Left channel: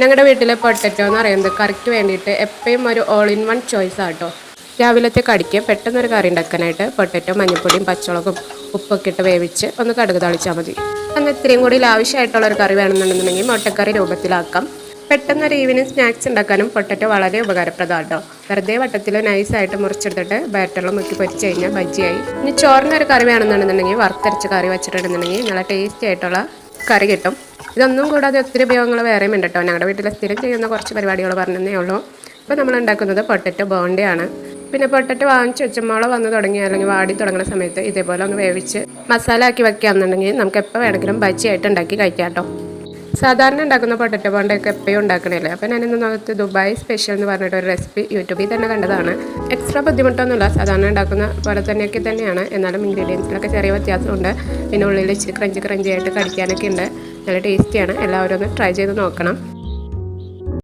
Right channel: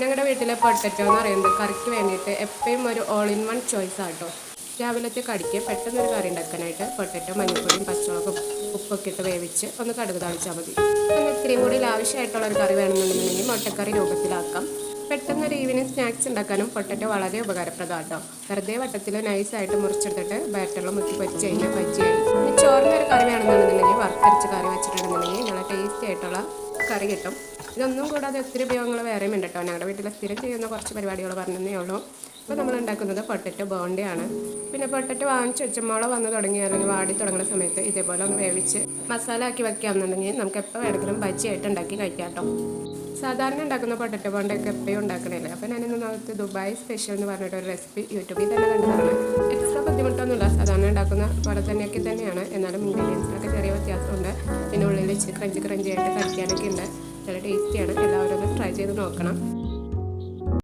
ഞങ്ങളുടെ വീട്ടിലെ പൊട്ടറ്റോ എന്ന് പറയുന്നത് കറിക്ക് വേണ്ടിയിട്ട് എപ്പോഴും ഒരു ഓൾ ഇൻ വൺ ചോയ്സ് ആട്ടോ. രാവിലത്തെ കടിക്ക് പെട്ടെന്നൊരു കറി ഉണ്ടാക്കാനായിട്ട് പൊട്ടറ്റോ മഞ്ഞൾപ്പൊടിയും പച്ചമുളകും ഉപ്പൊക്കെ ഇട്ട് വേവിച്ച് ഒന്ന് കടുക് തളിച്ചാൽ മതി. എന്നാൽ ഇത്രയും കൂടി ആവശ്യമായിട്ടുള്ളൊരു കറി വേണമെന്നുണ്ടെന്നുണ്ടെങ്കിൽ മുട്ടക്കറി രൂപത്തിലാക്കാം. പെട്ടെന്നൊരു ഈവനിങ് സ്നാക്സ് ഉണ്ടാക്കാനും പൊട്ടറ്റോ വളരെ ഉപകാരപ്രദമാണ് കേട്ടോ. വെറുതെ വട്ടത്തിൽ നൈസായിട്ട് മുറിച്ചെടുത്തിട്ട് ബാറ്ററിൽ മുക്കി പൊരിച്ച് കഴിഞ്ഞാൽ ബജ്ജിയായി. ഇനി ചോറിനൊരു കറി വേണമെന്നുണ്ടെന്നുണ്ടെങ്കിൽ വറുത്തരച്ച് കറി വെച്ചിട്ടുണ്ടെന്നുണ്ടെങ്കിൽ നല്ല ടേസ്റ്റി ആയിട്ടുള്ള കറി കിട്ടും. ഇതൊന്നും കൂടാതെ ഒത്തിരി ഉപയോഗങ്ങൾ വേറെയും ഉണ്ട് കേട്ടോ. ഞങ്ങളുടെ വീട്ടിൽ സ്ഥിരം ചെയ്യുന്ന കുറച്ച് പരിപാടികൾ പറഞ്ഞതേ ഉള്ളൂ. ഇപ്പോൾ നമ്മൾ ഉണ്ടാക്കുന്നത് പൊട്ടറ്റോ ബോണ്ടയാണ്. പിന്നെ പൊട്ടറ്റോ വാങ്ങിച്ച് വെച്ച മുള വന്ന് തുടങ്ങി അല്ലെങ്കിൽ വാടി തുടങ്ങുന്ന സമയത്ത് ഇതേപോലെ ഒന്ന് വേവിച്ച് മസാല ആക്കി വെക്കുകയാണെന്നുണ്ടെങ്കിൽ നമുക്ക് എപ്പോൾ വേണമെങ്കിലും ബജ്ജിയായിട്ട് ഉണ്ടാക്കി കഴിക്കാം കേട്ടോ. സാധാരണ ഉണ്ടാക്കുന്ന പൊട്ടറ്റോ ബോണ്ടയൊക്കെ എപ്പോഴും ഉണ്ടാക്കണില്ല. അപ്പോൾ ഞാനിന്ന് നോക്കത്ത് ദുബായ് സ്പെഷ്യൽ എന്ന് പറഞ്ഞിട്ടൊരു റെസിപ്പി യൂട്യൂബിൽ തന്നെ കണ്ടതാണ്. എക്സ്ട്രാ ബുദ്ധിമുട്ടൊന്നുമില്ല, സാധാരണ ഉണ്ടാക്കുന്ന പോലെ തന്നെയൊക്കെ തന്നെയാണ്. എന്നാലും ഇൻഗ്രീഡിയൻസിലൊക്കെ ചെറിയ വ്യത്യാസമുണ്ട്. പിന്നെ ഉള്ളിൽ ഇച്ചിരി ക്രഞ്ചി ആയിട്ട് കടിക്കാനൊക്കെ ഉണ്ട്. നല്ല ടേസ്റ്റിയാണ്. എല്ലാവരും ഒന്ന് ട്രൈ ചെയ്ത് നോക്കണം.